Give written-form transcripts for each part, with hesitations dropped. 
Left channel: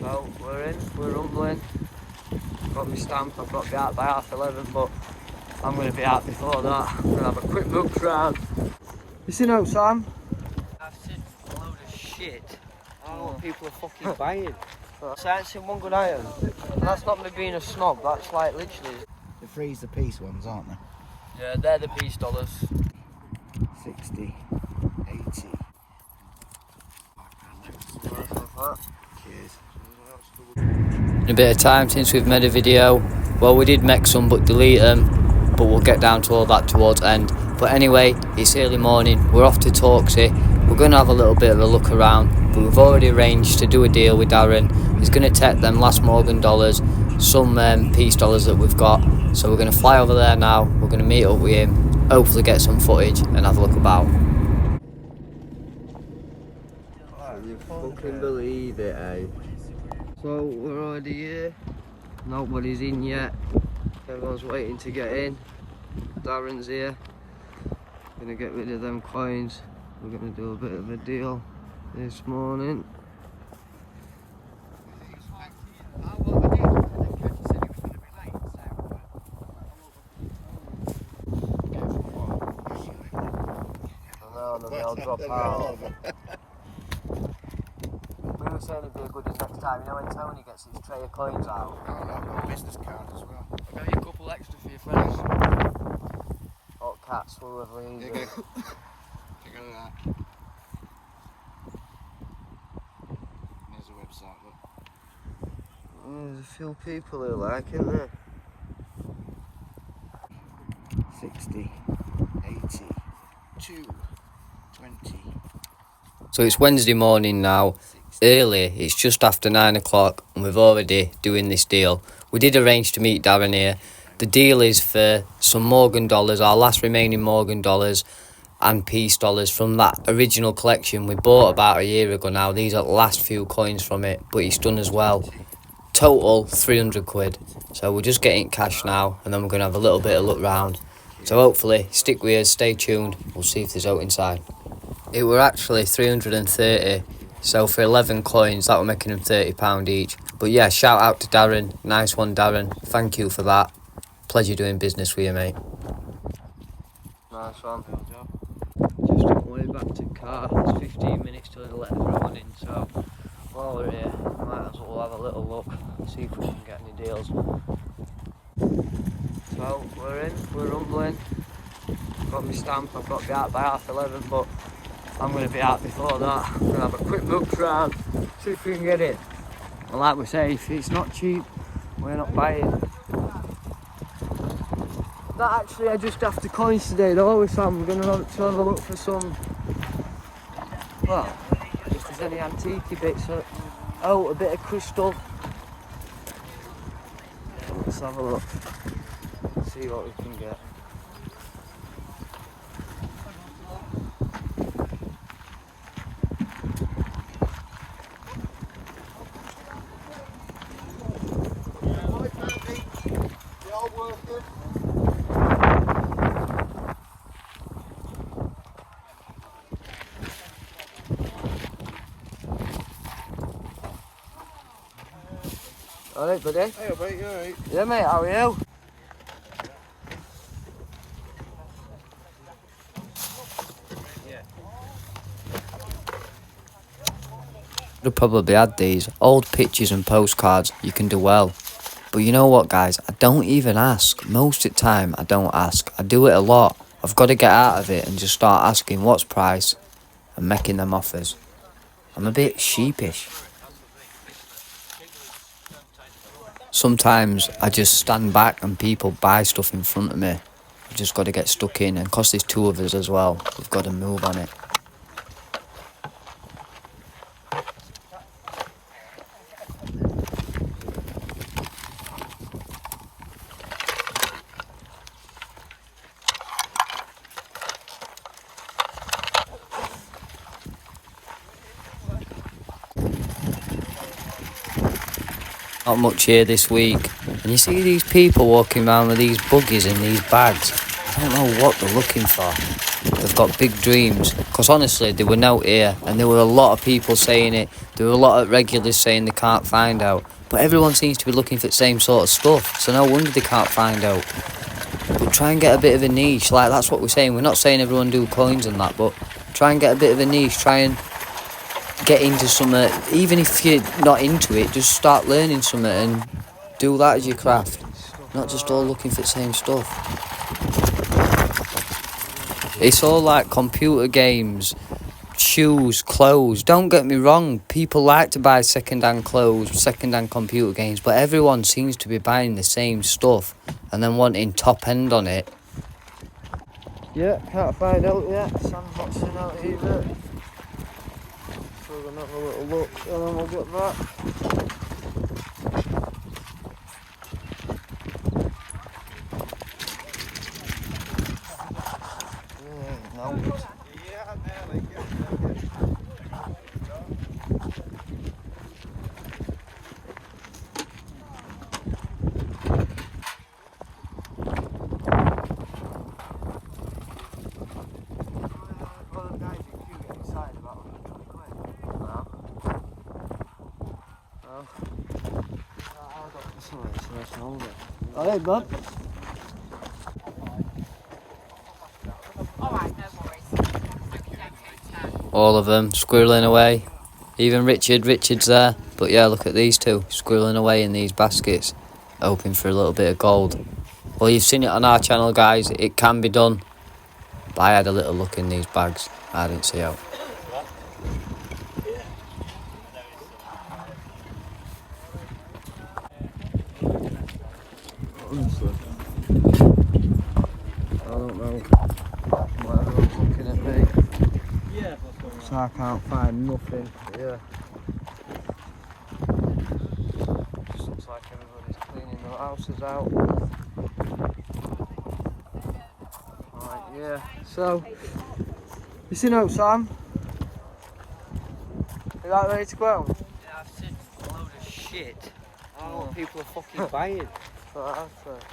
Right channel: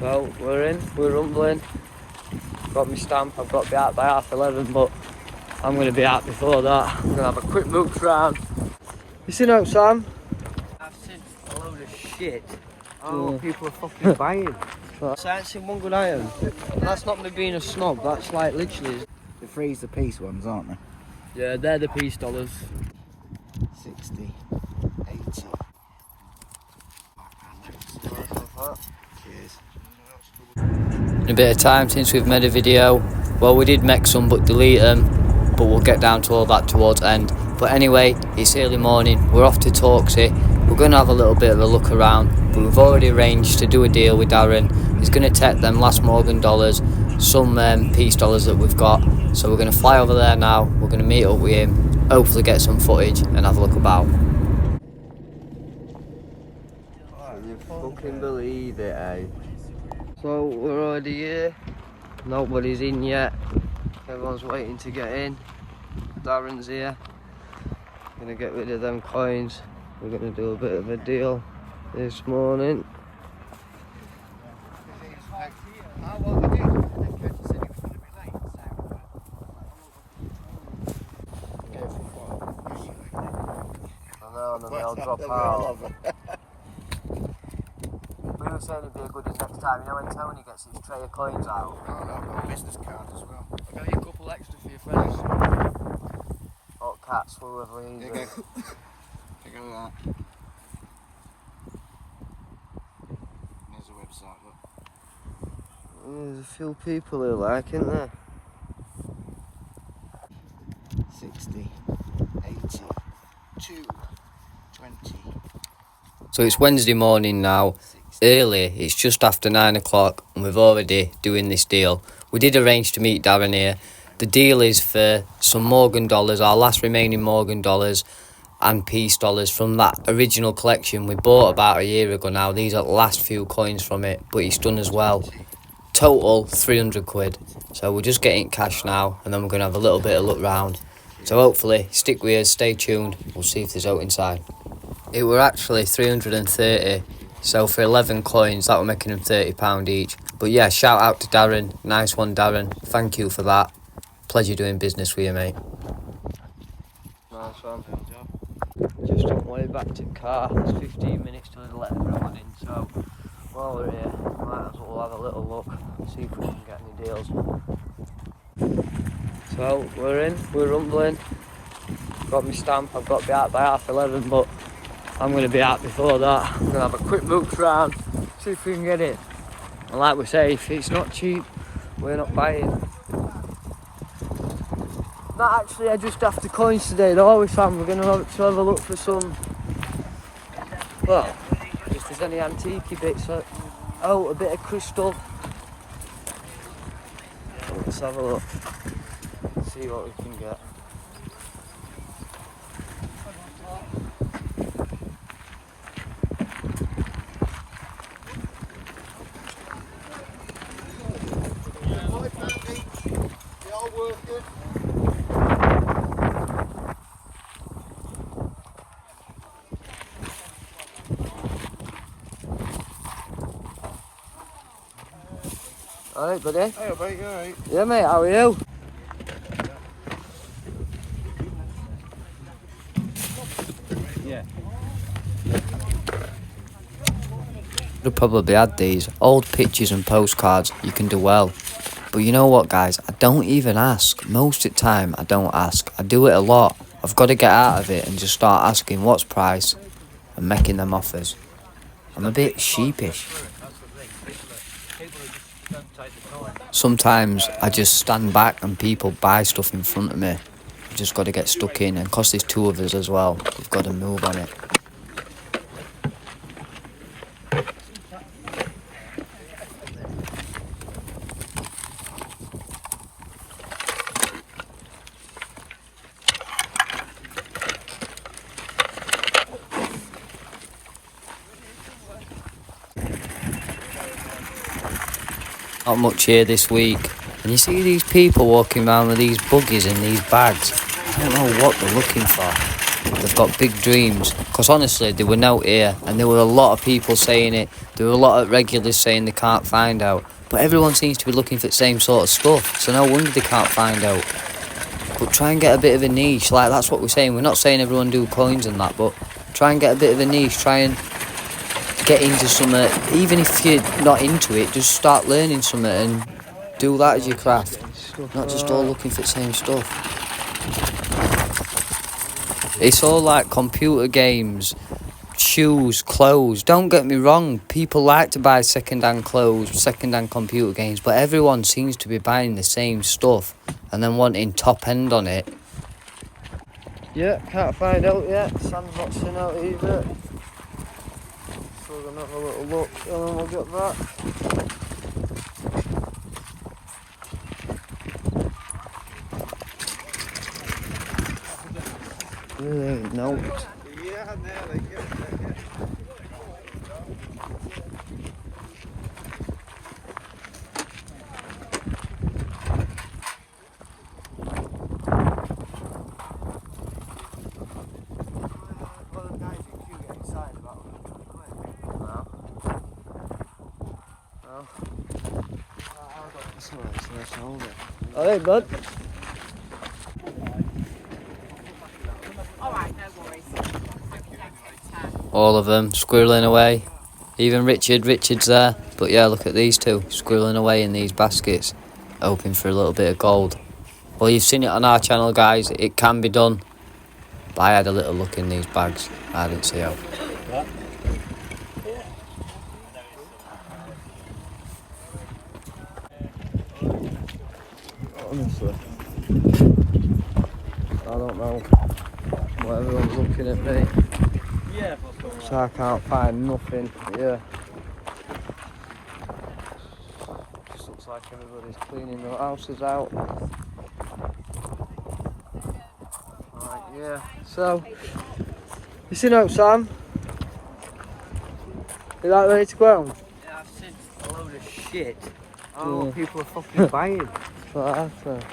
So we're in, we're rumbling. Got my stamp, I've got to be out by 11:30, but I'm going to be out before that. I'm going to have a quick look round. You seen out, Sam? I've seen a load of shit. I don't know what people are fucking buying. So I seen one good item. That's not me being a snob, that's like literally... The freeze the piece ones, aren't they? Yeah, they're the piece dollars. 60, 80. Cheers. In a bit of time since we've made a video. Well, we did make some but delete them, but we'll get down to all that towards end. But anyway, it's early morning, we're off to Torksey. We're going to have a little bit of a look around, but we've already arranged to do a deal with Darren. He's going to take them last Morgan dollars, some peace dollars that we've got. So we're going to fly over there now, we're going to meet up with him, hopefully get some footage and have a look about. You fucking believe it, eh? So we're already here, nobody's in yet, everyone's waiting to get in. Darren's here, gonna get rid of them coins. We're gonna do a bit of a deal this morning. I know, and then they'll drop out. We were saying it'd be a goodie next time, you know when Tony gets his tray of coins out? Oh, no, I've got a business card as well. I'll get you a couple extra for your friends. Hot cats, whoever he is. Take a look at that. There's the website, look. There's a few people who like, isn't there? 60, 80, 2, 20. So it's Wednesday morning now. Early, it's just after 9 o'clock and we've already doing this deal. We did arrange to meet Darren here. The deal is for some Morgan dollars, our last remaining Morgan dollars and peace dollars from that original collection we bought about a year ago now. These are the last few coins from it, but he's done as well. Total 300 quid. So we're just getting cash now and then we're going to have a little bit of look round. So hopefully stick with us, stay tuned, we'll see if there's out inside. It were actually 330. So for 11 coins, that were making them £30 each. But yeah, shout out to Darren. Nice one, Darren. Thank you for that. Pleasure doing business with you, mate. Nice one. Just on my way back to the car. It's 15 minutes till they let everyone in, so while we're here, might as well have a little look, see if we can get any deals. So we're in, we're rumbling. Got my stamp, I've got to be out by 11:30, but I'm going to be out before that. I'm going to have a quick look round, see if we can get it. And like we say, if it's not cheap, we're not buying. Not actually, I just after coins today though, with Sam. We're going to have a look for some, well, if there's any antique bits. Oh, a bit of crystal. Let's have a look, see what we can get. Alright, buddy? Hey, mate, you alright? Yeah, mate, how are you? Yeah. Would have probably had these old pictures and postcards. You can do well. But you know what, guys? I don't even ask. Most of the time, I don't ask. I do it a lot. I've got to get out of it and just start asking what's price and making them offers. I'm a bit sheepish. Sometimes I just stand back and people buy stuff in front of me. I've just got to get stuck in, and because there's two of us as well, we've got to move on it. Not much here this week, and you see these people walking around with these buggies and these bags. I don't know what they're looking for. They've got big dreams. Because honestly, they were out here, and there were a lot of people saying it. There were a lot of regulars saying they can't find out. But everyone seems to be looking for the same sort of stuff, so no wonder they can't find out. But try and get a bit of a niche, like that's what we're saying. We're not saying everyone do coins and that, but try and get a bit of a niche. Try and get into something. Even if you're not into it, just start learning something and do that as your craft. Not just all looking for the same stuff. It's all like computer games, shoes, clothes. Don't get me wrong, people like to buy second-hand clothes, second-hand computer games, but everyone seems to be buying the same stuff and then wanting top end on it. Yeah, can't find out yet. Sun's not seen out either. So we're gonna have a little look and then we'll get back. Really ain't no. Alright, bud. All of them squirreling away. Even Richard's there. But yeah, look at these two squirreling away in these baskets, hoping for a little bit of gold. Well, you've seen it on our channel, guys. It can be done. But I had a little look in these bags. I didn't see how. Honestly, I don't know why everyone's looking at me. So I can't find nothing. Yeah. Just looks like everybody's cleaning their houses out. Right, yeah. So, you seen out, Sam? You like ready to go home? Yeah, I've seen a load of shit. Oh, people are fucking buying. That's what I said.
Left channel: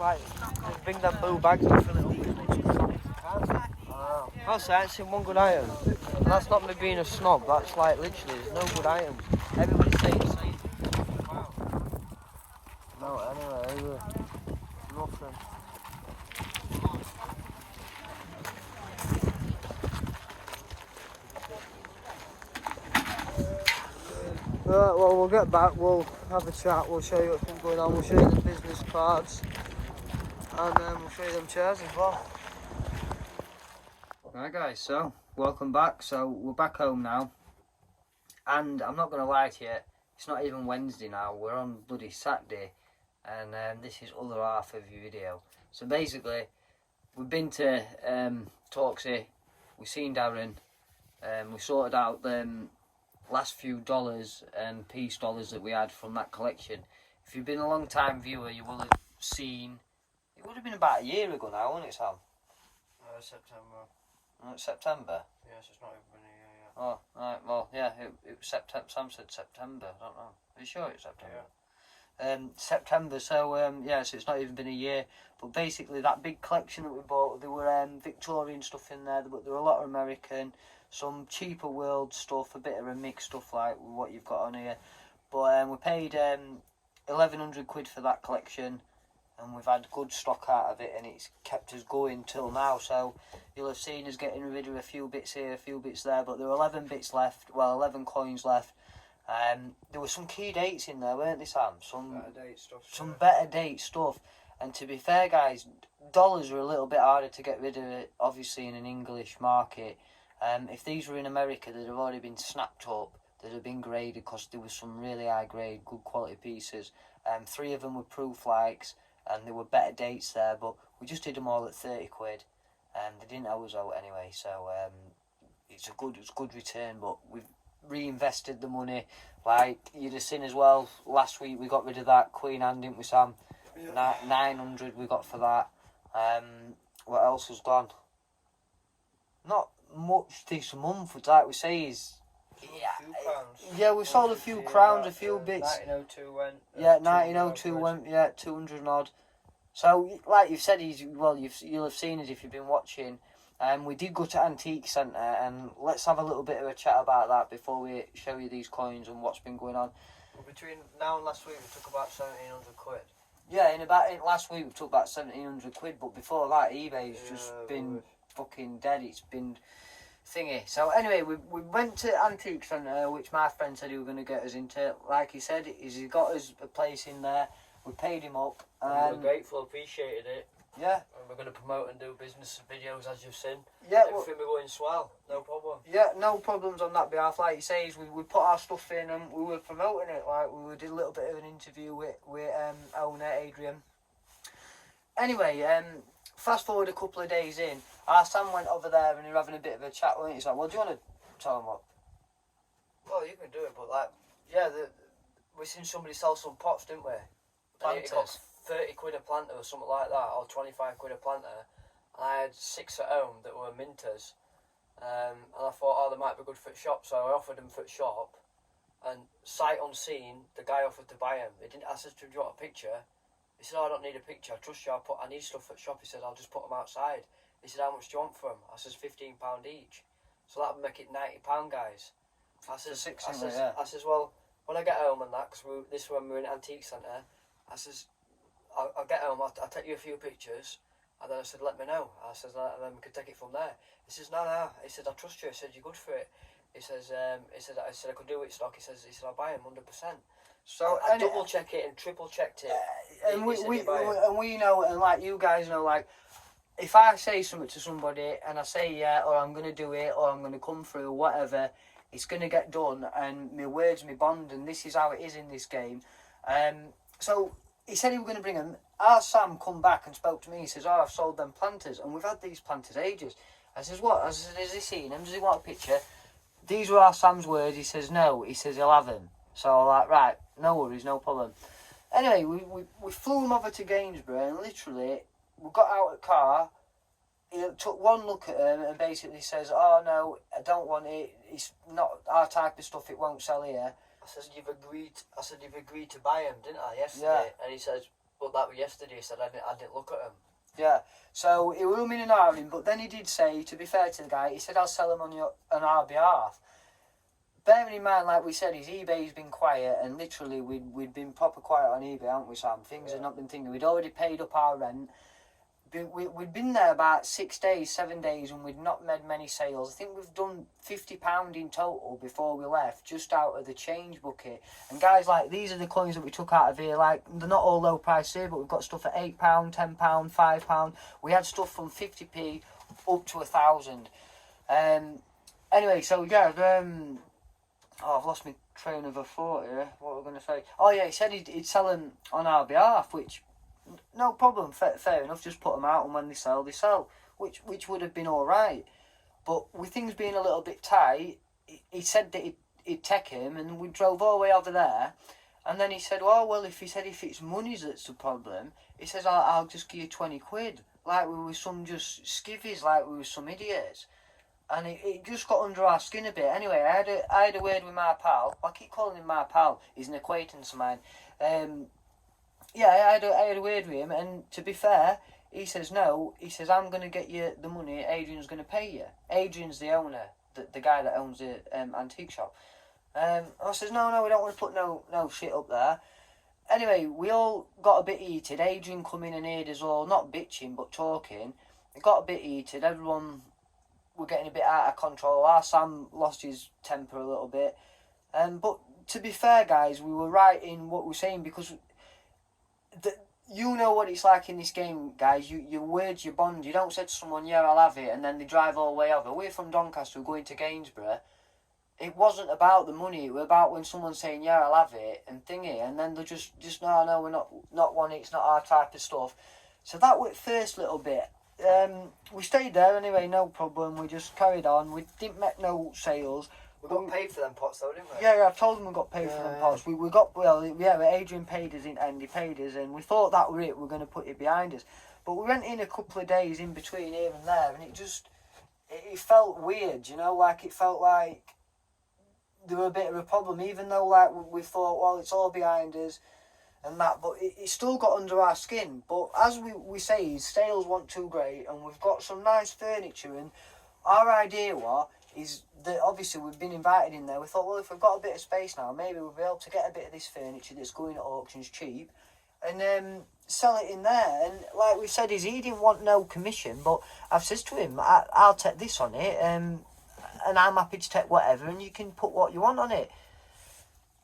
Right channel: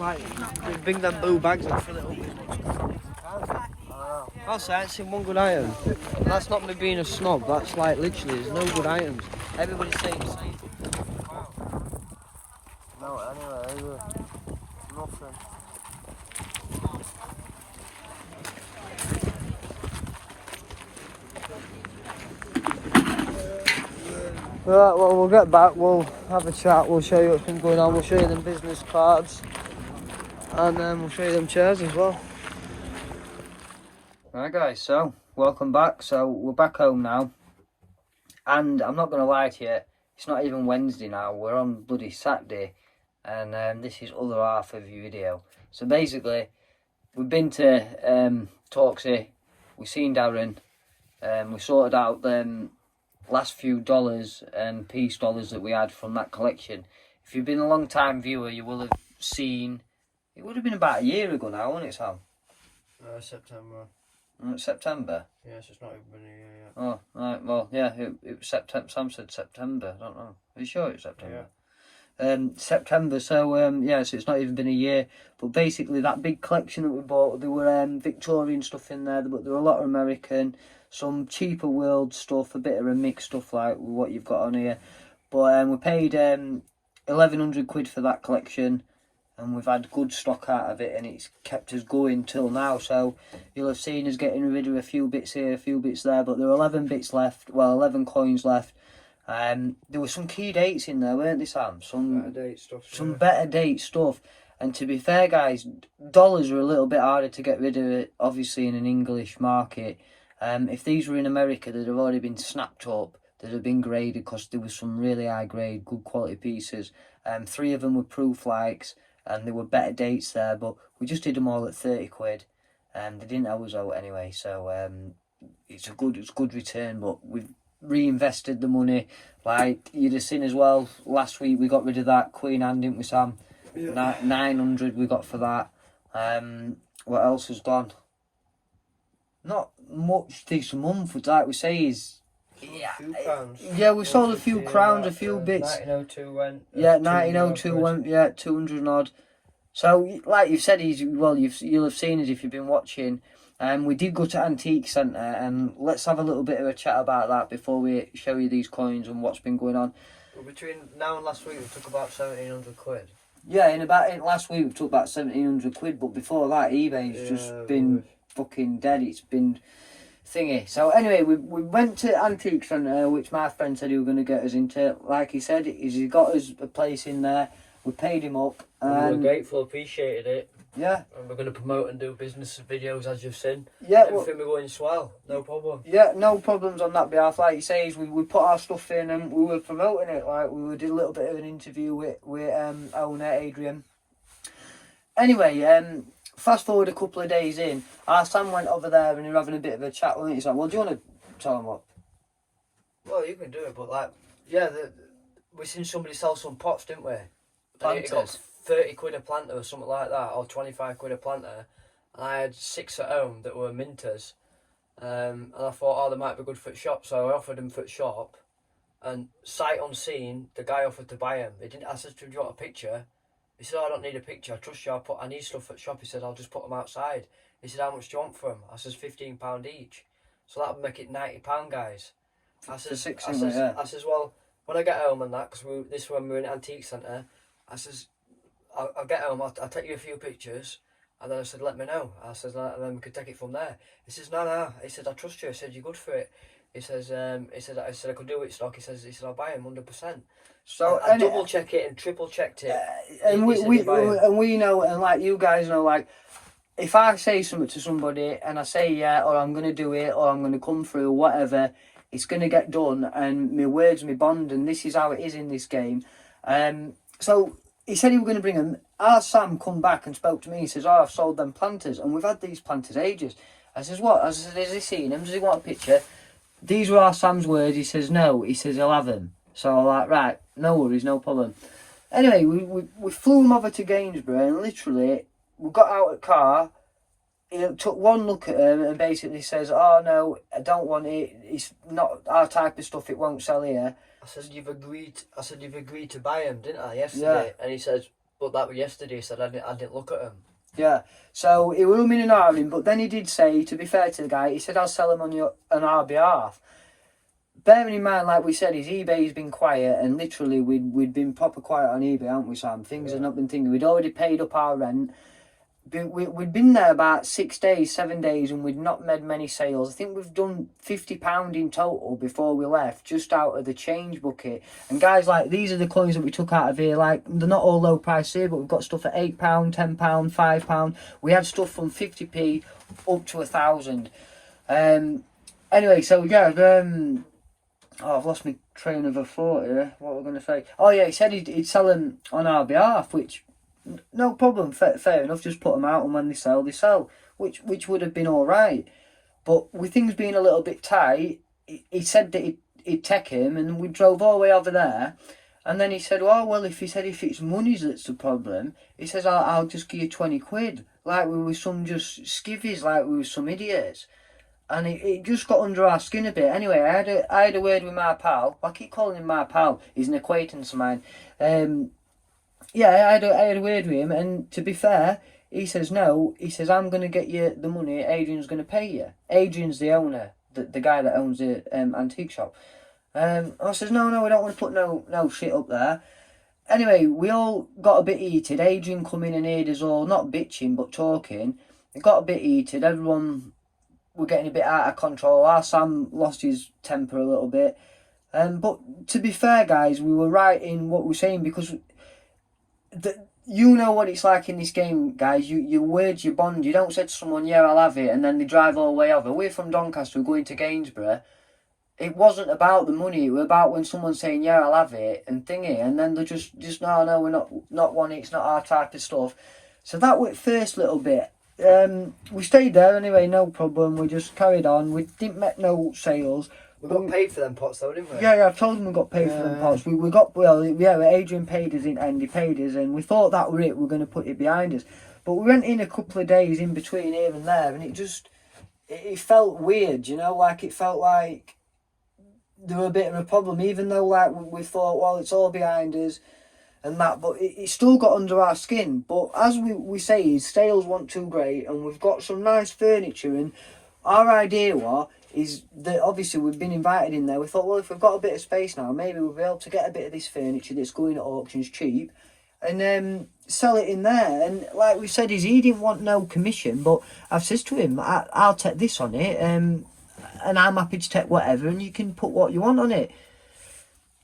Like, they bring them blue bags in for the Also, I ain't seen one good item. That's not me being a snob, that's like literally, there's no good items. Everybody's saying the same. No, anyway, either. Nothing. Right, well, we'll get back, we'll have a chat, we'll show you what's been going on, we'll show you them business cards, and then we'll show you them chairs as well. Right guys, so welcome back. So we're back home now, and I'm not going to lie to you, it's not even Wednesday now, we're on bloody Saturday, and this is other half of your video. So basically, we've been to Torksey, we've seen Darren, we sorted out them last few dollars and peace dollars that we had from that collection. If you've been a long time viewer, you will have seen, it would have been about a year ago now, wouldn't it, Sam? September. September? Yes, it's not even been a year yet. Oh, right, well, yeah, it was September. Sam said September, I don't know. Are you sure it's September? Yeah. September, so, yeah, so it's not even been a year. But basically, that big collection that we bought, there were Victorian stuff in there, but there were a lot of American, some cheaper world stuff, a bit of a mixed stuff like what you've got on here. But we paid 1,100 quid for that collection, and we've had good stock out of it, and it's kept us going till now. So you'll have seen us getting rid of a few bits here, a few bits there, but there were 11 bits left, well, 11 coins left. There were some key dates in there, weren't there, Sam? Some better date stuff. And to be fair, guys, dollars are a little bit harder to get rid of, it, obviously, in an English market. If these were in America, they'd have already been snapped up, they'd have been graded, because there was some really high grade, good quality pieces. 3 of them were proof likes, and there were better dates there, but we just did them all at 30 quid, and they didn't owe us out anyway, so it's a good return. But we've reinvested the money, like you'd have seen as well. Last week we got rid of that Queen Anne, didn't we, Sam? Yeah. 900 we got for that. What else has gone? Not much this month, like we say, is yeah, we sold a few crowns, a few bits. 1902 went. Yeah, 1902 went. Yeah, 200 and odd. So, like you've said, you'll have seen it if you've been watching. We did go to Antique Centre, and let's have a little bit of a chat about that before we show you these coins and what's been going on. Between now and last week, we took about 1,700 quid. Yeah, in last week we took about 1,700 quid, but before that eBay's just been fucking dead. It's been thingy. So anyway, we went to Antique Centre, which my friend said he was going to get us into. Like he said, he got us a place in there. We paid him up, and we were grateful, appreciated it. Yeah. And we're going to promote and do business videos, as you've seen. Yeah. Everything we're going swell, no problem. Yeah, no problems on that behalf. Like you say, we put our stuff in and we were promoting it. Like we did a little bit of an interview with owner Adrian. Anyway, fast forward a couple of days in, our Sam went over there and they were having a bit of a chat. Weren't you? He's like, well, do you want to tell him what? Well, you can do it, but like, yeah, we seen somebody sell some pots, didn't we? Planters. It got 30 quid a planter or something like that, or 25 quid a planter. And I had 6 at home that were minters. And I thought, oh, they might be good for the shop, so I offered them for the shop. And sight unseen, the guy offered to buy them. He didn't. I said, do you want a picture? He said, oh, I don't need a picture, I trust you, I need stuff at the shop. He said, I'll just put them outside. He said, how much do you want for them? I says, £15 each. So that would make it £90, guys. I says, well, when I get home and that, because this is when we were in Antique Centre, I says, I'll get home, I'll take you a few pictures, and then I said, let me know. I says, and then we could take it from there. He says, no. He said, I trust you. He said, you're good for it. He says, I could do it stock. He said, I'll buy him 100%. So I double check it and triple checked it. And we know, and like you guys know, like if I say something to somebody and I say yeah, or I'm gonna do it, or I'm gonna come through, whatever, it's gonna get done. And my words, my bond, and this is how it is in this game. So he said he was gonna bring them. Our Sam come back and spoke to me. He says, "Oh, I've sold them planters, and we've had these planters ages." I says, "What?" I said, "Has he seen them? Does he want a picture?" These were our Sam's words. He says, "No." He says, "He'll have them." So I'm like, right, no worries, no problem. Anyway, we flew him over to Gainsborough, and literally, we got out of the car. He took one look at him and basically says, "Oh no, I don't want it. It's not our type of stuff. It won't sell here." I said, "You've agreed." I said, "You've agreed to buy him, didn't I, yesterday?" Yeah. And he says, "But that was yesterday." He said, "I didn't look at him." Yeah. So he was umming and ahhing, but then he did say, to be fair to the guy, he said, "I'll sell him on our behalf." Bearing in mind, like we said, his eBay's been quiet, and literally we'd been proper quiet on eBay, haven't we, Sam? Things had not been thinking. We'd already paid up our rent. We'd been there about 6 days, 7 days, and we'd not made many sales. I think we've done £50 in total before we left, just out of the change bucket. And guys, like, these are the coins that we took out of here. Like, they're not all low price here, but we've got stuff at £8, £10, £5. We had stuff from 50p up to 1,000. Anyway, so yeah, oh, I've lost my train of thought here. What was I going to say? Oh yeah, he said he'd sell them on our behalf, which, no problem, fair enough. Just put them out, and when they sell, which would have been all right. But with things being a little bit tight, he said that he'd take him, and we drove all the way over there. And then he said, "Oh well, if it's money that's the problem," he says, "I'll just give you 20 quid." Like we were some just skivvies, like we were some idiots. And it just got under our skin a bit. Anyway, I had a word with my pal. I keep calling him my pal. He's an acquaintance of mine. Yeah, I had a word with him, and to be fair, he says no. He says, "I'm going to get you the money. Adrian's going to pay you." Adrian's the owner, the guy that owns the antique shop. I says, no, we don't want to put no shit up there. Anyway, we all got a bit heated. Adrian come in and heard us all, not bitching, but talking. It got a bit heated. Everyone were getting a bit out of control. Our Sam lost his temper a little bit. But to be fair, guys, we were right in what we were saying, because you know what it's like in this game, guys. Your words, your bond. You don't say to someone, "Yeah, I'll have it," and then they drive all the way over. We're from Doncaster, we're going to Gainsborough. It wasn't about the money. It was about when someone's saying, "Yeah, I'll have it," and thingy, and then they're just no, we're not wanting. It's not our type of stuff. So that was the first little bit. We stayed there anyway, no problem. We just carried on. We didn't make no sales. We got paid for them pots though, didn't we? Yeah, I told them we got paid for them pots. We got, well, yeah, Adrian paid us in, and he paid us, and we thought that were it. We're going to put it behind us. But we went in a couple of days in between here and there, and it felt weird, you know, like it felt like there were a bit of a problem, even though like we thought, well, it's all behind us. and that, but it still got under our skin. But as we say, is sales weren't too great, and we've got some nice furniture, and our idea is that obviously we've been invited in there. We thought, well, if we've got a bit of space now, maybe we'll be able to get a bit of this furniture that's going at auctions cheap, and sell it in there. And like we said, he didn't want no commission, but I've said to him, I'll take this on it, and I'm happy to take whatever, and you can put what you want on it.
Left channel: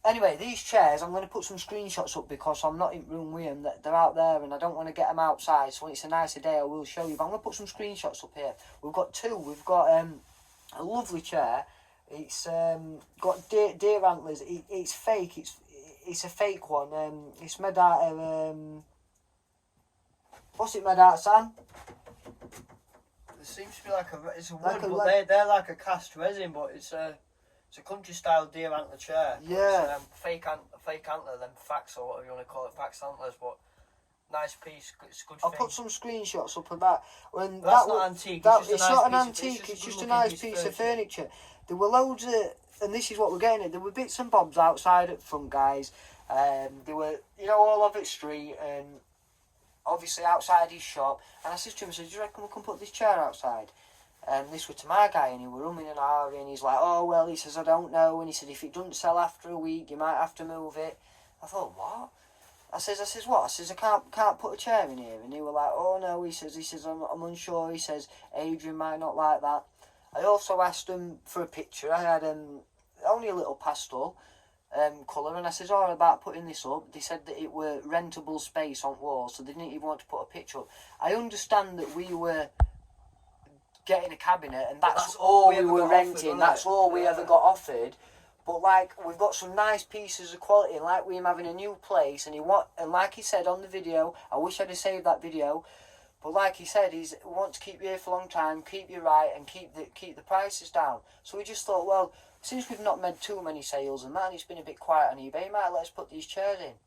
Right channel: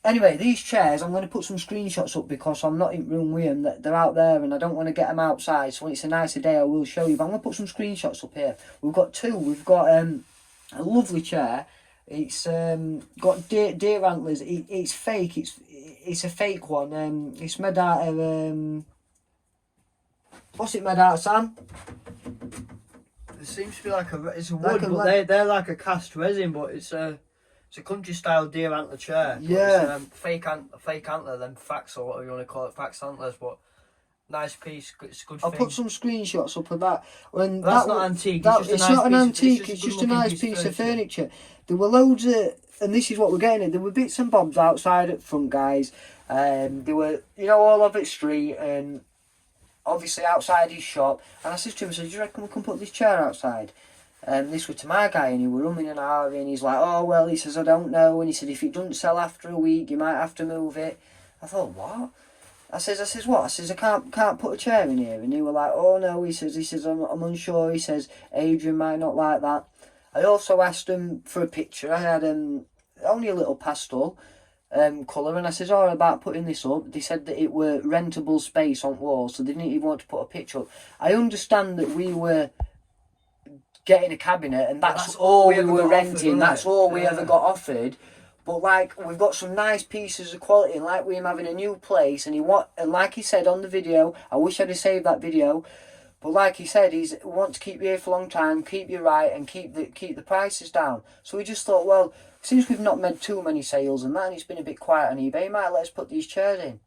Anyway, these chairs, I'm going to put some screenshots up because I'm not in room with them. They're out there and I don't want to get them outside. So when it's a nicer day, I will show you. But I'm going to put some screenshots up here. We've got two. We've got a lovely chair. It's got deer antlers. It's fake. It's a fake one. It's made out of... what's it made out of, Sam? It seems to be like it's a Like wood, but they're like a cast resin, but it's a country style deer antler chair. Yeah. It's, fake antler, then fax or whatever you want to call it, fax antlers, but nice piece. It's good. I'll put some screenshots up of that. When that's not antique. It's not an antique. It's just a nice piece of furniture. There were loads of, and this is what we're getting at. There were bits and bobs outside at front, guys. There were, all over the street, and obviously outside his shop. And I said to him, do you reckon we can put this chair outside? And this was to my guy, and he were umming and ahhing, and he's like, oh, well, he says, I don't know. And he said, if it doesn't sell after a week, you might have to move it. I thought, what? I says, what? I says, I can't put a chair in here. And he were like, oh, no, he says, I'm unsure. He says, Adrian might not like that. I also asked him for a picture. I had only a little pastel colour, and I says, oh, about putting this up. They said that it were rentable space on walls, so they didn't even want to put a picture up. I understand that we were getting a cabinet, and that's all we were renting. That's all we ever got offered. But like, we've got some nice pieces of quality, and like we're having a new place, and like he said on the video, I wish I'd have saved that video. But like he said, he wants to keep you here for a long time, keep you right, and keep the prices down. So we just thought, well, since we've not made too many sales and that, and it's been a bit quiet on eBay, he might let us put these chairs in.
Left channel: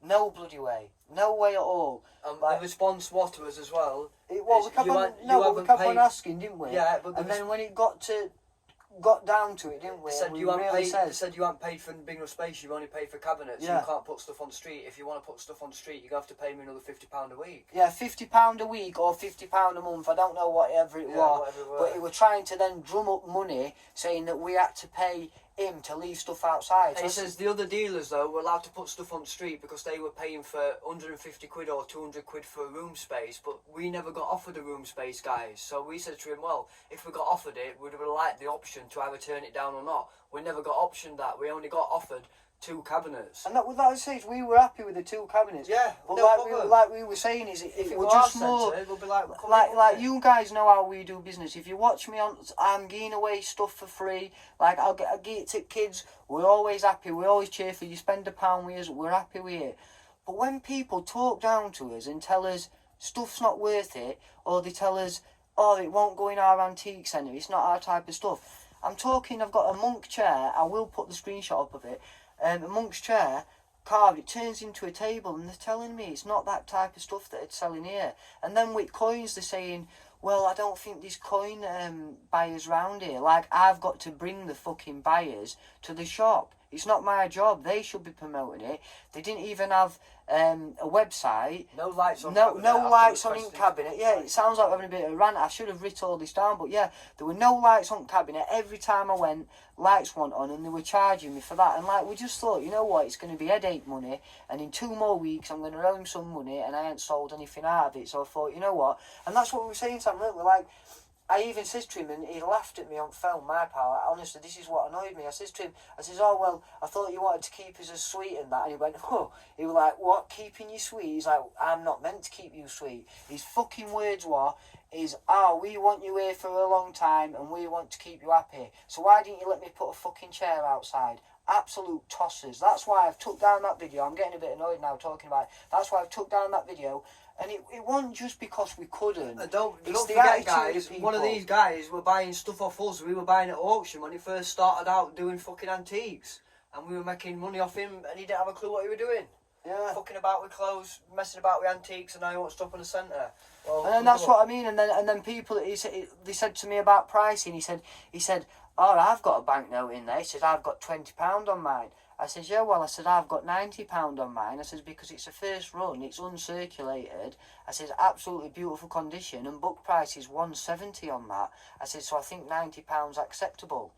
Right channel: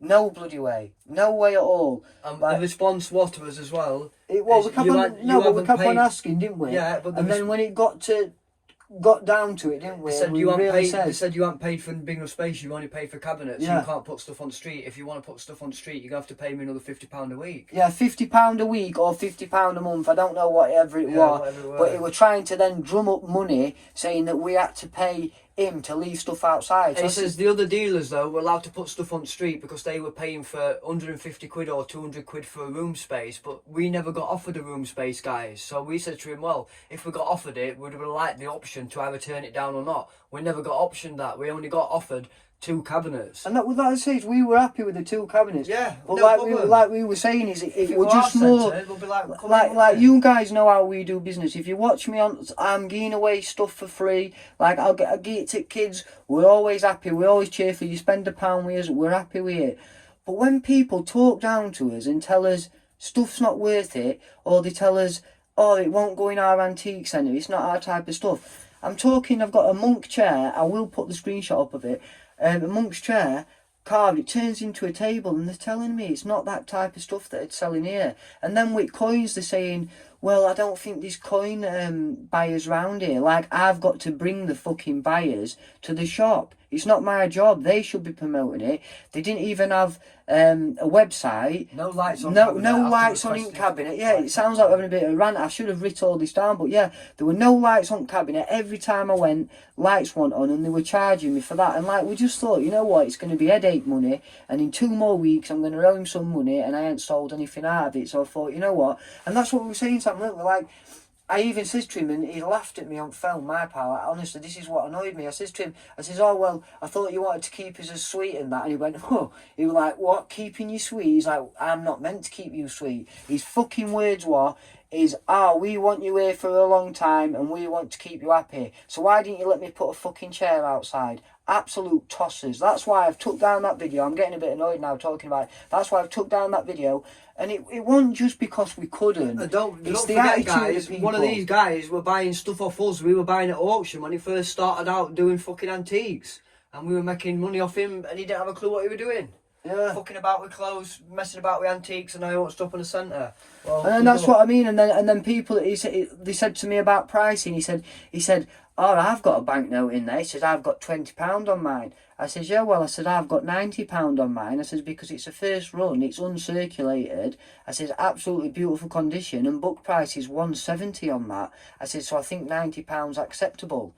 No bloody way. No way at all. The response was to us as well. We kept on asking, didn't we? Yeah, but then when it got down to it, didn't we? They said, they said you haven't paid for big enough space, you've only paid for cabinets. Yeah. You can't put stuff on the street. If you want to put stuff on the street, you're going to have to pay me another £50 a week. Yeah, £50 a week or £50 a month. I don't know whatever it was. But they were trying to then drum up money, saying that we had to pay him to leave stuff outside. He says the other dealers, though, were allowed to put stuff on the street because they were paying for 150 quid or 200 quid for a room space, but we never got offered a room space, guys. So we said to him, well, if we got offered it, we'd have liked the option to either turn it down or not. We never got optioned that. We only got offered 2 cabinets. And that says we were happy with the 2 cabinets. Yeah, but no like we were saying, is if it were just more like you guys know how we do business. If you watch me on, I'm giving away stuff for free. Like I'll give it to kids. We're always happy. We always cheer for you. Spend £1 with us. We're happy with it. But when people talk down to us and tell us stuff's not worth it, or they tell us, oh, it won't go in our antique centre, it's not our type of stuff. I've got a monk chair. I will put the screenshot up of it. A monk's chair carved, it turns into a table, and they're telling me it's not that type of stuff that it's selling here. And then with coins, they're saying, well, I don't think there's coin buyers round here. Like, I've got to bring the fucking buyers to the shop. It's not my job. They should be promoting it. They didn't even have a website. No lights on. No lights on in cabinet. Yeah, it sounds like we're having a bit of a rant. I should have written all this down, but yeah, there were no lights on cabinet. Every time I went, lights weren't on, and they were charging me for that. And like, we just thought, you know what, it's going to be headache money, and in 2 more weeks I'm going to owe him some money, and I ain't sold anything out of it. So I thought, you know what, and that's what we were saying to him. Look, we're like, I even says to him, and he laughed at me on film, my pal. Honestly, this is what annoyed me. I says to him, oh, well, I thought you wanted to keep us as sweet and that. And he went, oh. He was like, what, keeping you sweet? He's like, I'm not meant to keep you sweet. His fucking words were, we want you here for a long time and we want to keep you happy. So why didn't you let me put a fucking chair outside? Absolute tossers. That's why I've took down that video. I'm getting a bit annoyed now talking about it. That's why I've took down that video. And it wasn't just because we couldn't. Don't forget, guys, one of these guys were buying stuff off us. We were buying at auction when he first started out doing fucking antiques. And we were making money off him, and he didn't have a clue what he was doing. Yeah. Fucking about with clothes, messing about with antiques, and now he wants stuff in the centre. Well, and that's what I mean. And then people, they said to me about pricing. He said, oh, I've got a banknote in there. He says, I've got £20 on mine. I says, yeah, well, I said, I've got £90 on mine. I says, because it's a first run, it's uncirculated. I says, absolutely beautiful condition, and book price is 170 on that. I said, so I think £90 acceptable.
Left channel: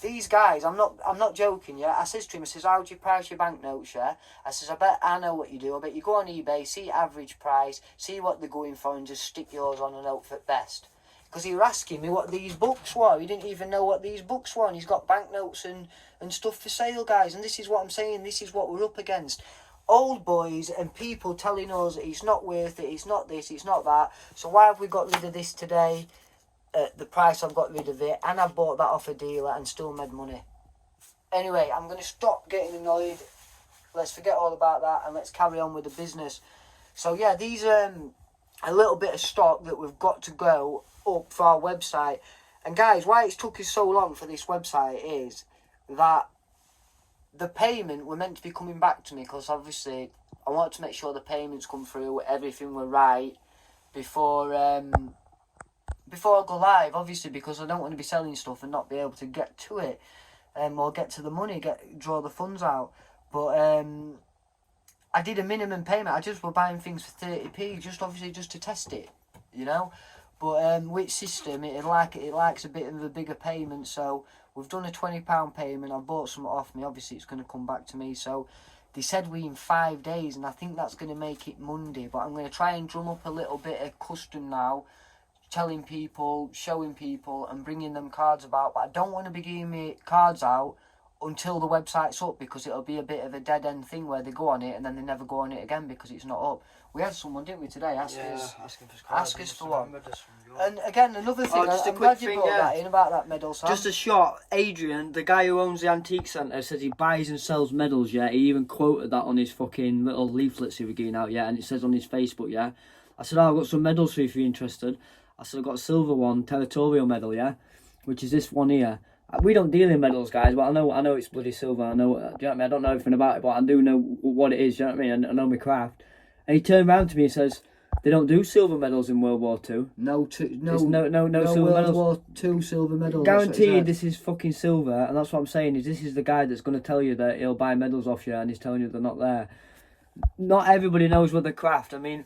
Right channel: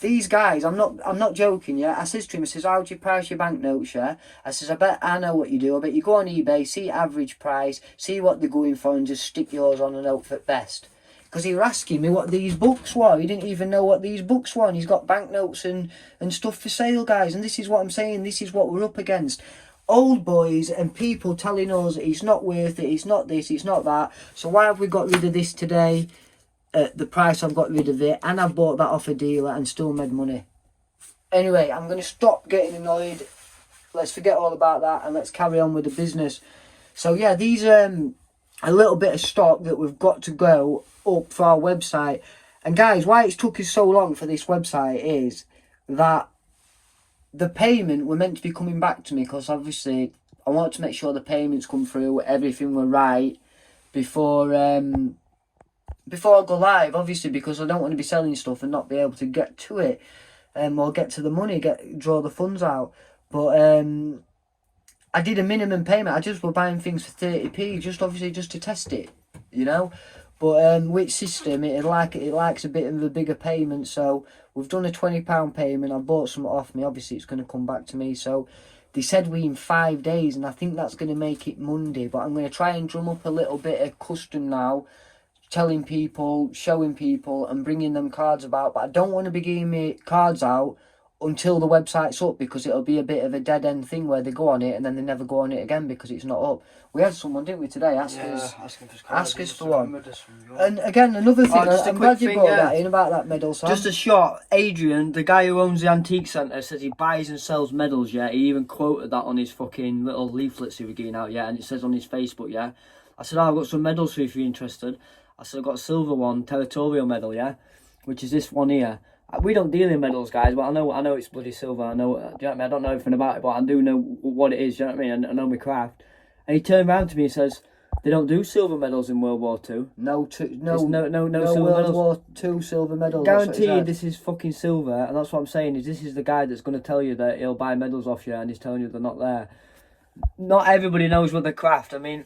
These guys, I'm not joking, yeah. I says to him, I says, how do you price your banknotes, yeah? I says, I bet I know what you do. I bet you go on eBay, see average price, see what they're going for, and just stick yours on a note for best. Because he were asking me what these books were. He didn't even know what these books were. And he's got banknotes and stuff for sale, guys. And this is what I'm saying. This is what we're up against. Old boys and people telling us it's not worth it, it's not this, it's not that. So why have we got rid of this today? At the price I've got rid of it, and I've bought that off a dealer and still made money. Anyway, I'm going to stop getting annoyed. Let's forget all about that and let's carry on with the business. So yeah, these are a little bit of stock that we've got to go up for our website. And guys, why it's took us so long for this website is that the payment were meant to be coming back to me, because obviously I want to make sure the payments come through, everything were right before I go live, obviously, because I don't want to be selling stuff and not be able to get to it, or get to the money, draw the funds out. But I did a minimum payment. I just were buying things for 30p, just obviously just to test it, you know. But with system, it likes a bit of a bigger payment. So we've done a £20 payment. I bought some off me. Obviously, it's going to come back to me. So they said we in 5 days, and I think that's going to make it Monday. But I'm going to try and drum up a little bit of custom now, telling people, showing people, and bringing them cards about. But I don't want to be giving me cards out until the website's up, because it'll be a bit of a dead end thing where they go on it and then they never go on it again because it's not up. We had someone, didn't we, today ask us for one. And again, another thing, I'm glad you brought that in about that medal. Sam. Just a shot. Adrian, the guy who owns the antique centre, says he buys and sells medals. Yeah, he even quoted that on his fucking little leaflets he was getting out. Yeah, and it says on his Facebook. Yeah, I said, I've got some medals for you if you're interested. I said, I've got a silver one, territorial medal, yeah, which is this one here. We don't deal in medals, guys, but I know it's bloody silver. I know, do you know what I mean? I don't know everything about it, but I do know what it is, do you know what I mean? I know my craft. And he turned around to me and says, they don't do silver medals in World War II. No silver World medals. War II silver medals. Guaranteed this is fucking silver, and that's what I'm saying, is this is the guy that's going to tell you that he'll buy medals off you, and he's telling you they're not there. Not everybody knows what the craft. I mean,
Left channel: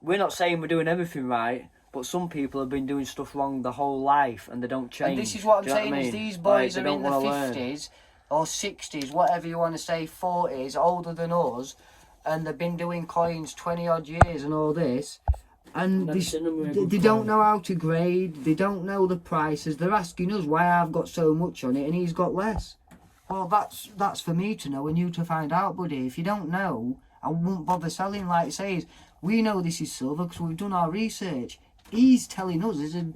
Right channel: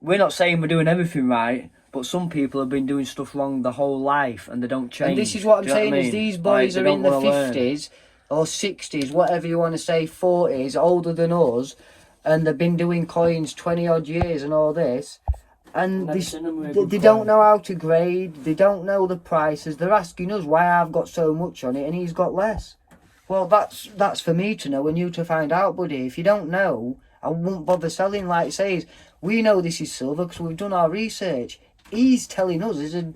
we're not saying we're doing everything right, but some people have been doing stuff wrong the whole life and they don't change. And this is what I'm saying, is these boys are in the 50s or 60s, whatever you want to say, 40s, older than us, and they've been doing coins 20 odd years and all this, and they don't know how to grade, they don't know the prices. They're asking us why I've got so much on it and he's got less. Well, that's for me to know and you to find out, buddy. If you don't know, I won't bother selling. Like it says, we know this is silver because we've done our research. He's telling us, as a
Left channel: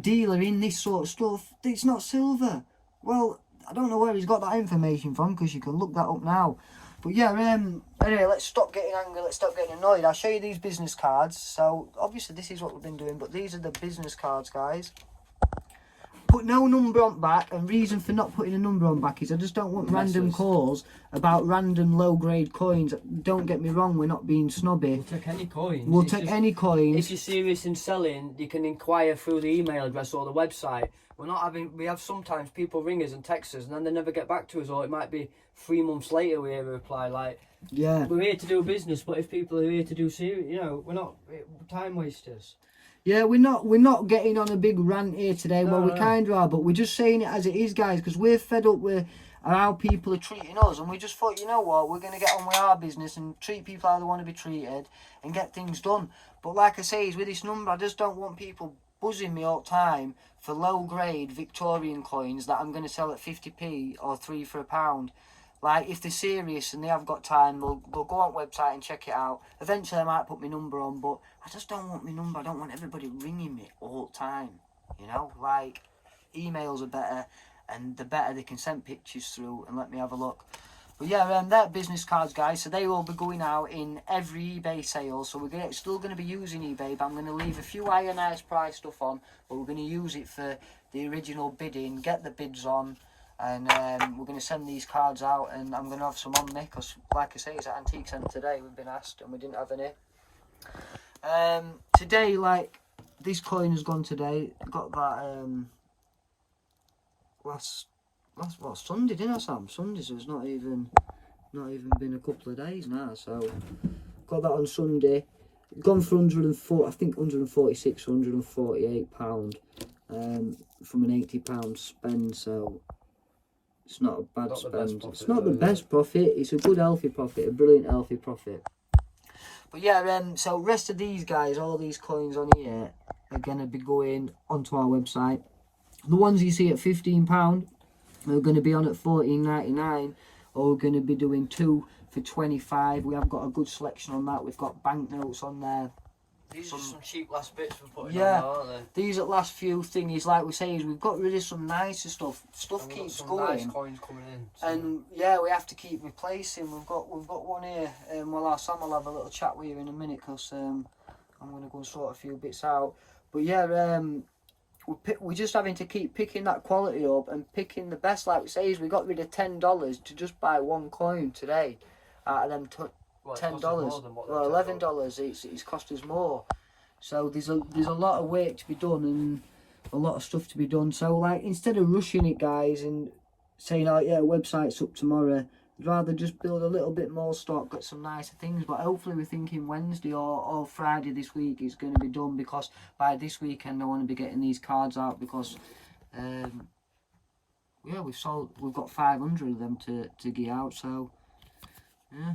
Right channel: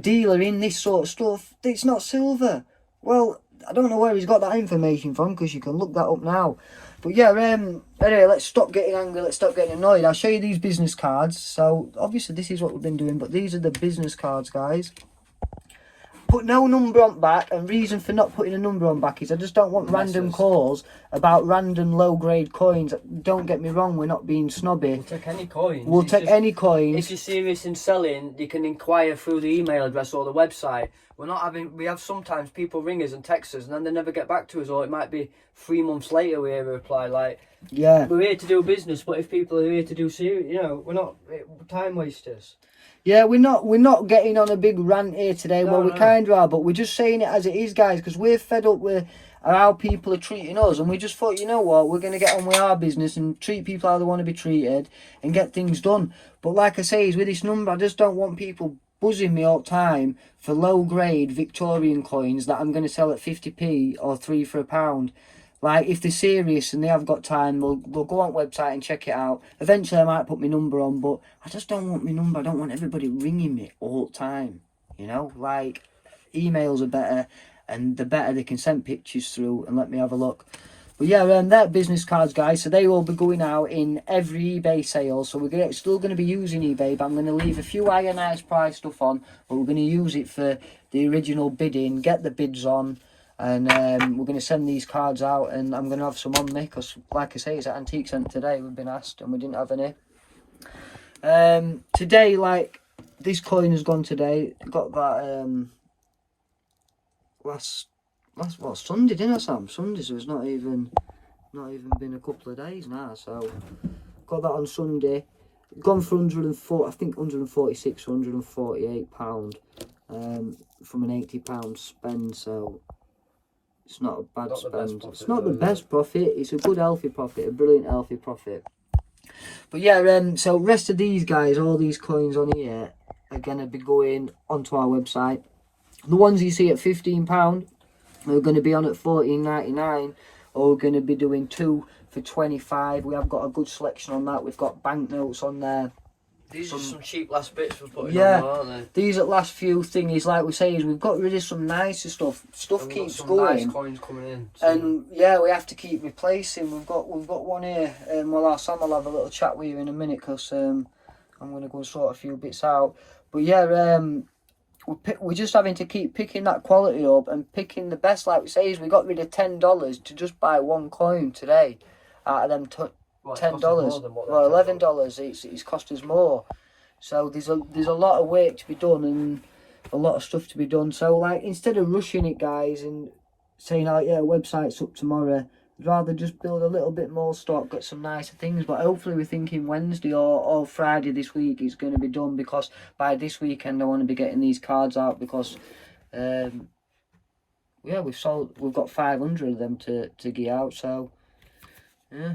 dealer in this sort of stuff, it's not silver. Well, I don't know where he's got that information from, because you can look that up now. But yeah, anyway, let's stop getting angry, let's stop getting annoyed. I'll show you these business cards. So obviously this is what we've been doing, but these are the business cards, guys. Put no number on back, and reason for not putting a number on back is I just don't want random calls about random low grade coins. Don't get me wrong, we're not being snobby. We'll take any coins. We'll take any coins. If you're serious in selling, you can inquire through the email address or the website. We have sometimes people ring us and text us and then they never get back to us, or it might be 3 months later we hear a reply. Like, yeah, we're here to do business, but if people are here to do serious, you know, we're not time wasters. Yeah, we're not getting on a big rant here today. No, well, we kind of are, but we're just saying it as it is, guys, because we're fed up with how people are treating us, and we just thought, you know what, we're going to get on with our business and treat people how they want to be treated and get things done. But like I say, with this number, I just don't want people buzzing me all the time for low-grade Victorian coins that I'm going to sell at 50p or 3 for £1. Like, if they're serious and they have got time, they'll go on website and check it out. Eventually, I might put my number on, but I just don't want my number. I don't want everybody ringing me all the time, you know? Like, emails are better, and the better they can send pictures through and let me have a look. But yeah, they're business cards, guys, so they will be going out in every eBay sale. So we're still going to be using eBay, but I'm going to leave a few ionized price stuff on, but we're going to use it for the original bidding, get the bids on. And we're going to send these cards out, and I'm going to have some on me, because like I say, it's at Antique Centre today. We've been asked and we didn't have any. Today, like, this coin has gone today. Got that last That's what, Sunday, didn't I, Sam? Sunday, so it's not even been a couple of days now. So got that on Sunday. Gone for 104, I think 146, 148 pound, from an £80 spend. So it's not a bad spend. It's not the best profit. It's a good healthy profit, a brilliant healthy profit. But yeah, so rest of these guys, all these coins on here are gonna be going onto our website. The ones you see at £15 are going to be on at $14.99, or we're going to be doing 2 for 25. We have got a good selection on that. We've got banknotes on there. These are some cheap last bits we're putting Yeah, on, aren't they? These at last few thingies, like we say, is we've got rid of some nicer stuff. Stuff keeps going. Nice coins coming in. And yeah, we have to keep replacing. We've got one here. Well, Sam will have a little chat with you in a minute, because I'm going to go sort a few bits out. But yeah, we're just having to keep picking that quality up and picking the best. Like we say, is we got rid of $10 to just buy one coin today out of them $10. Well, $11. It's cost us more. So there's a lot of work to be done and a lot of stuff to be done. So like, instead of rushing it, guys, and saying, oh yeah, website's up tomorrow, I'd rather just build a little bit more stock, get some nicer things. But hopefully we're thinking Wednesday or Friday this week it's going to be done, because by this weekend I want to be getting these cards out, because yeah, we've got 500 of them to get out. So yeah,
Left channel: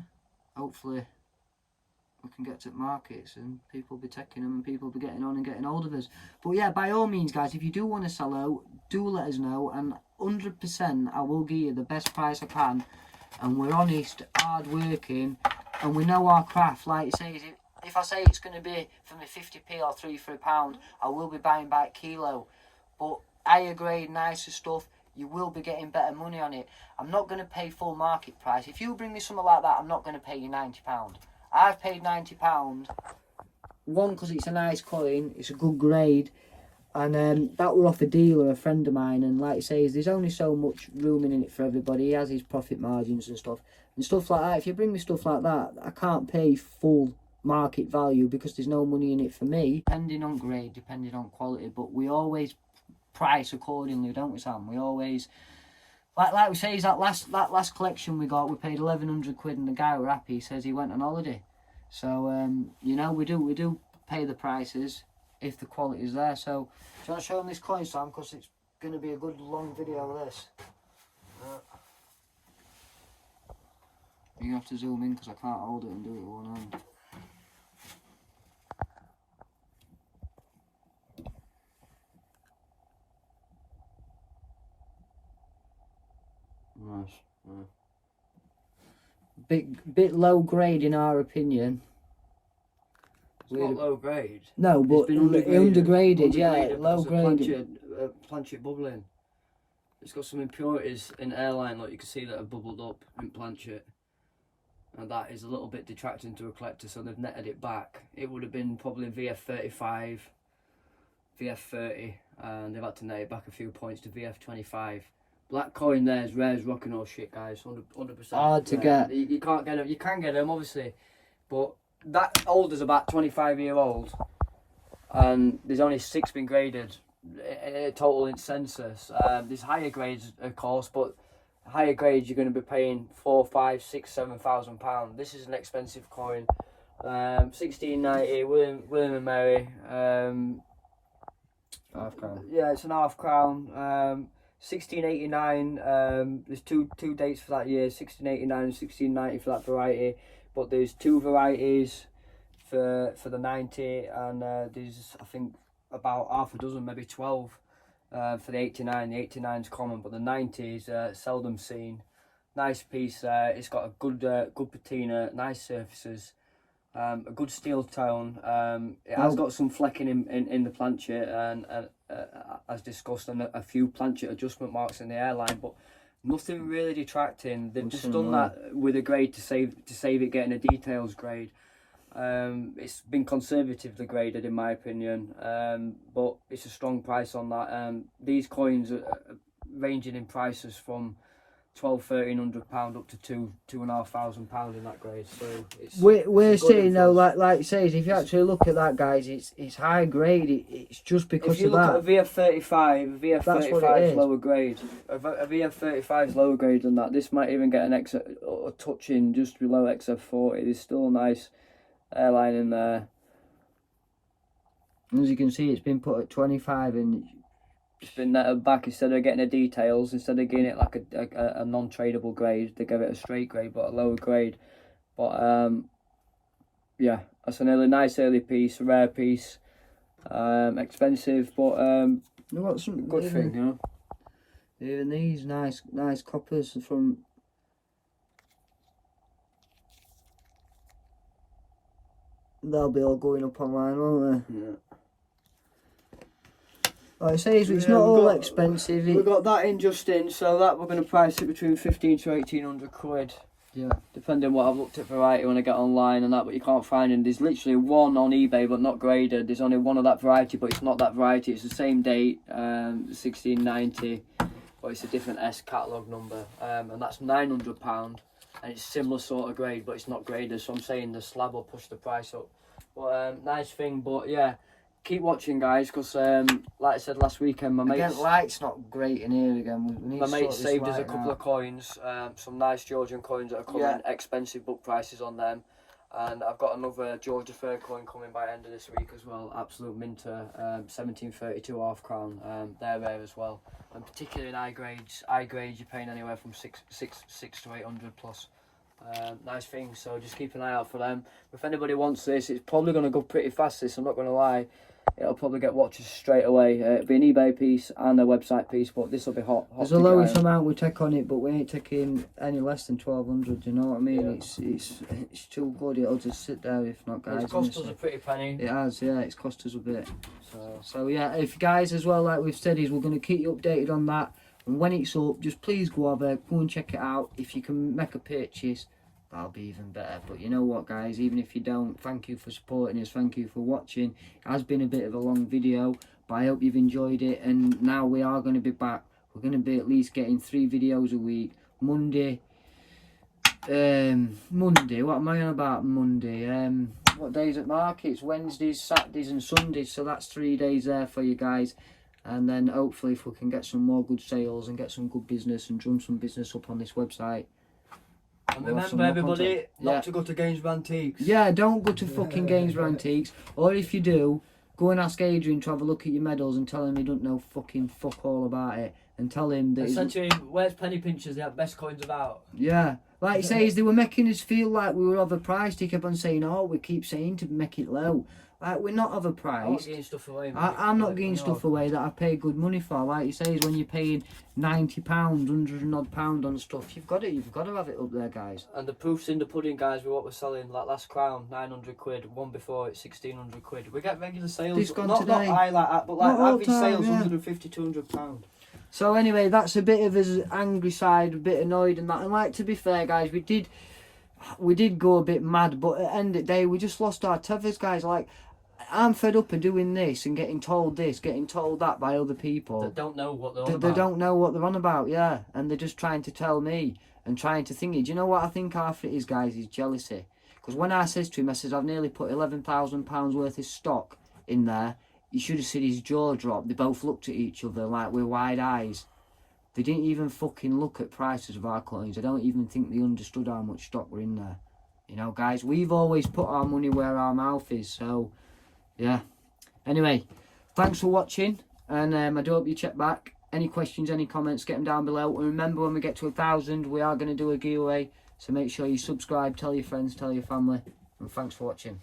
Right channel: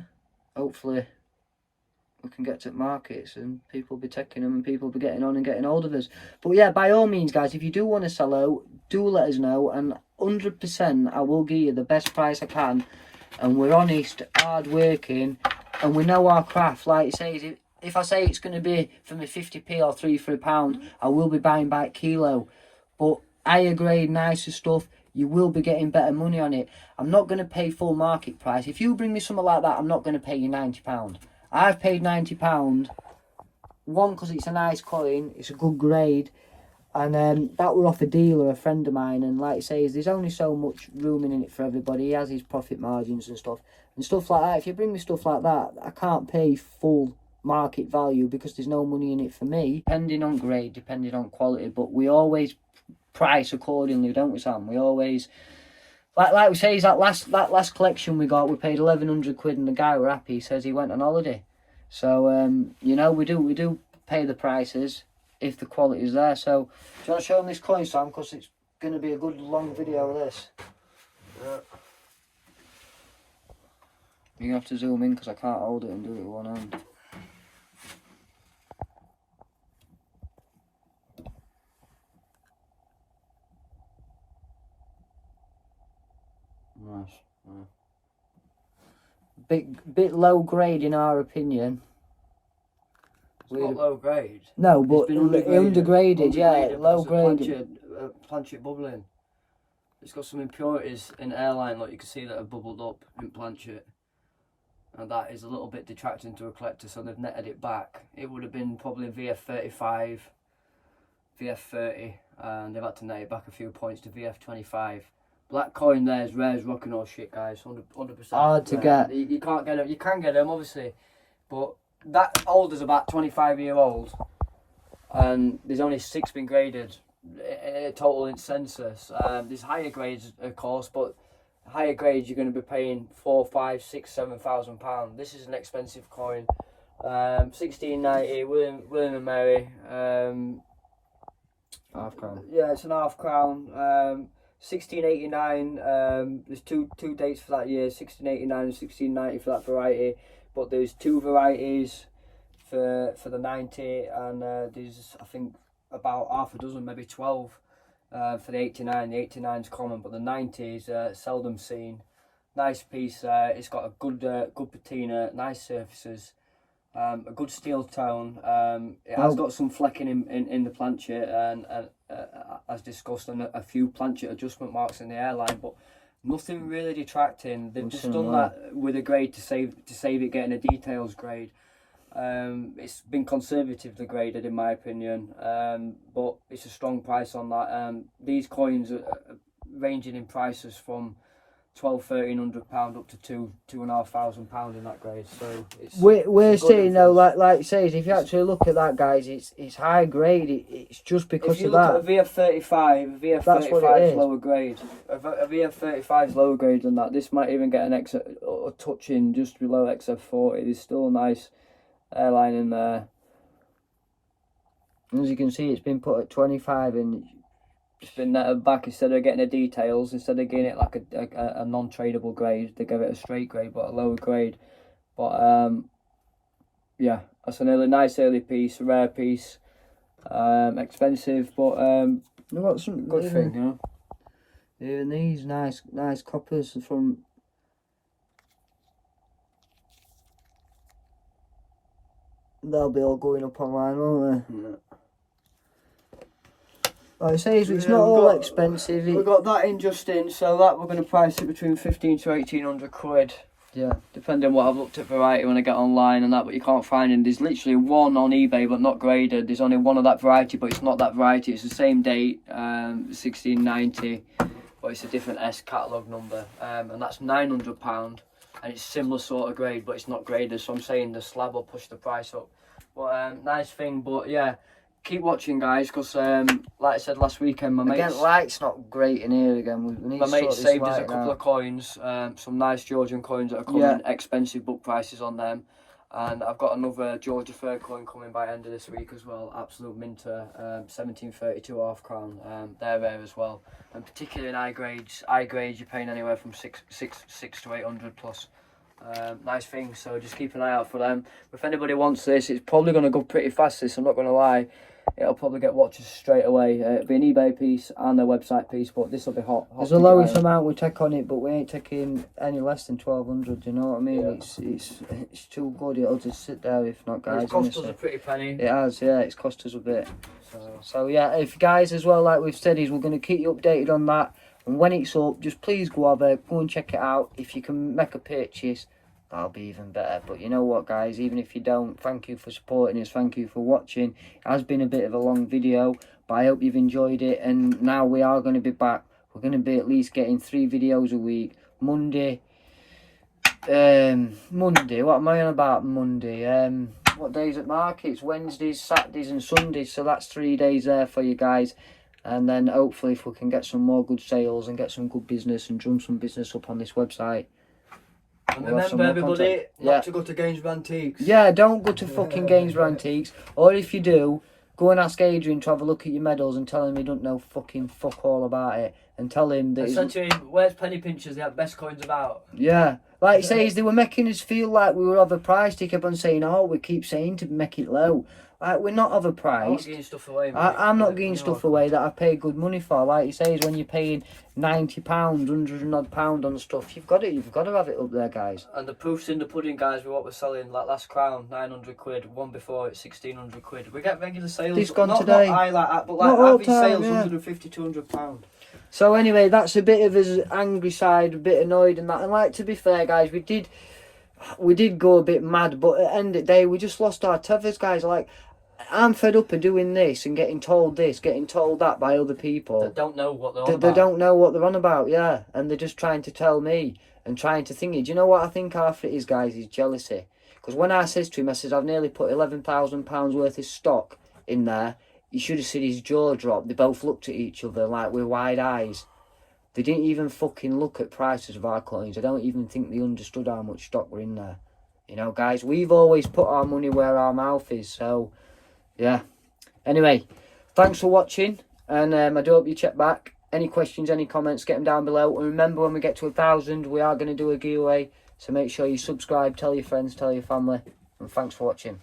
hopefully we can get to markets and people will be taking them and people will be getting on and getting hold of us. But yeah, by all means, guys, if you do want to sell out, do let us know, and 100% I will give you the best price I can. And we're honest, hard working, and we know our craft. Like it says, if I say it's going to be for me 50p or 3 for £1, I will be buying by kilo. But higher grade, nicer stuff, you will be getting better money on it. I'm not going to pay full market price. If you bring me something like that, I'm not going to pay you £90. I've paid £90. One, because it's a nice coin, it's a good grade. And that were off a dealer, a friend of mine, and like I say, there's only so much room in it for everybody. He has his profit margins and stuff like that. If you bring me stuff like that, I can't pay full market value because there's no money in it for me. Depending on grade, depending on quality, but we always price accordingly, don't we, Sam? We always, like we say, that last collection we got, we paid 1,100 quid, and the guy were happy. He says he went on holiday. So you know, we do pay the prices if the quality is there. So do you want to show them this coin, Sam, because it's going to be a good long video of this. Yeah. You're going to have to zoom in because I can't hold it and do it with one hand. Nice. Bit low grade in our opinion. It's not low grade. No, but undergraded, yeah, low grade. Planchette bubbling. It's got some impurities in airline, like you can see, that have bubbled up in planchette. And that is a little bit detracting to a collector, so they've netted it back. It would have been probably VF35, VF30, and they've had to net it back a few points to VF25. Black coin there is rare as rock and all shit, guys. 100%. Hard to get. You can't get them. You can get them, obviously, but that holder's about 25-year-old, and there's only 6 been graded total in census. There's higher grades, of course, but higher grades you're going to be paying £4,000, £5,000, £6,000, £7,000. This is an expensive coin. 1690 William and Mary. Half crown. Yeah, it's an half crown. 1689. There's two dates for that year, 1689 and 1690 for that variety. But there's 2 varieties for the 90, and there's, I think, about half a dozen, maybe 12 for the 89. The 89 is common, but the 90 is seldom seen. Nice piece. It's got a good patina, nice surfaces, a good steel tone. It has got some flecking in the planchette, and as discussed, and a few planchette adjustment marks in the airline, but nothing really detracting. They've just done that with a grade to save it getting a details grade. It's been conservatively graded in my opinion, but it's a strong price on that. These coins are ranging in prices from £1,200–1,300 up to £2,500 in that grade. So it's we're it's a good saying though, influence. like it says, if you actually look at that, guys, it's high grade. It's just because If you of look that. at a VF35, a That's what it VF35 is. is lower grade. A VF35 is lower grade than that. This might even get an a touch in just below XF40. There's still a nice airline in there. As you can see, it's been put at 25, and It's been netted back instead of getting the details. Instead of getting it like a non-tradable grade, they give it a straight grade but a lower grade. But yeah, that's an nice early piece, a rare piece, expensive, but they've got some good thing, you know. Even these nice coppers from. They'll be all going up online, won't they? Yeah. Like I say, it's Yeah, not we've all got- expensive. We've got that in just in, so that we're going to price it between 15 to 1800 quid. Yeah. Depending on what I've looked at variety when I get online and that, but you can't find it. There's literally one on eBay but not graded. There's only one of that variety, but it's not that variety. It's the same date, 1690, but it's a different S catalogue number, and that's £900, and it's similar sort of grade, but it's not graded. So I'm saying the slab will push the price up. But nice thing, but yeah. Keep watching, guys, because like I said last weekend, my Again, mates, light's not great in here again. We need my to mate sort this saved us a light couple out. of coins, some nice Georgian coins that are coming, Yeah. expensive book prices on them. And I've got another Georgia Fair coin coming by end of this week as well, absolute minter, 1732 half crown, they're rare as well. And particularly in high grades you're paying anywhere from six to 800 plus. Nice thing, so just keep an eye out for them. If anybody wants this, it's probably going to go pretty fast, this, I'm not going to lie. It'll probably get watches straight away. It'll be an eBay piece and a website piece, but this will be hot. There's the lowest amount we take on it, but we ain't taking any less than 1200. You know what I mean? Yeah. It's too good. It'll just sit there if not, guys. It's cost us honestly. a pretty penny. It has, yeah. It's cost us a bit. So yeah, if guys as well, like we've said, is we're going to keep you updated on that. And when it's up, just please go and check it out. If you can make a purchase, that'll be even better. But you know what, guys, even if you don't, thank you for supporting us, thank you for watching. It has been a bit of a long video, but I hope you've enjoyed it. And now we are going to be back. We're going to be at least getting 3 videos a week. Monday, what am I on about Monday? What days at markets? Wednesdays, Saturdays and Sundays. So that's 3 days there for you guys. And then hopefully if we can get some more good sales and get some good business and drum some business up on this website. And We'll have some remember, more everybody, content. not Yeah. to go to Games of Antiques. Yeah, don't go to fucking Games for Antiques. Or if you do, go and ask Adrian to have a look at your medals and tell him he don't know fucking fuck all about it. And tell him that I he's... said to him, where's penny pinchers? They have best coins about. Yeah. Like he says, they were making us feel like we were overpriced. He kept on saying, oh, we keep saying to make it low. Like, we're not I'm not overpriced. giving stuff away, mate. I'm not Yeah, giving you stuff know. away that I pay good money for. Like he says, when you're paying £90, £100 and odd pound on stuff, you've got to have it up there, guys. And the proof's in the pudding, guys, with what we're selling. Like last crown, 900 quid. One before it, 1600 quid. We get regular sales. This gone not today. Not high like that, but Not like all average time, sales, yeah. 150, 200 pound. So anyway, that's a bit of his angry side, a bit annoyed and that. And like, to be fair, guys, we did go a bit mad, but at the end of the day, we just lost our tethers, guys. Like, I'm fed up of doing this and getting told this, getting told that by other people. They don't know what they're on They about. don't know what they're on about, yeah. And they're just trying to tell me and trying to think it. Do you know what I think half it is, guys, is jealousy. Because when I says to him, I says, I've nearly put £11,000 worth of stock in there. You should have seen his jaw drop. They both looked at each other like with wide eyes. They didn't even fucking look at prices of our coins. I don't even think they understood how much stock were in there. You know, guys, we've always put our money where our mouth is, so... yeah. Anyway, thanks for watching, and I do hope you check back. Any questions, any comments, get them down below. And remember, when we get to 1,000, we are going to do a giveaway. So make sure you subscribe, tell your friends, tell your family, and thanks for watching.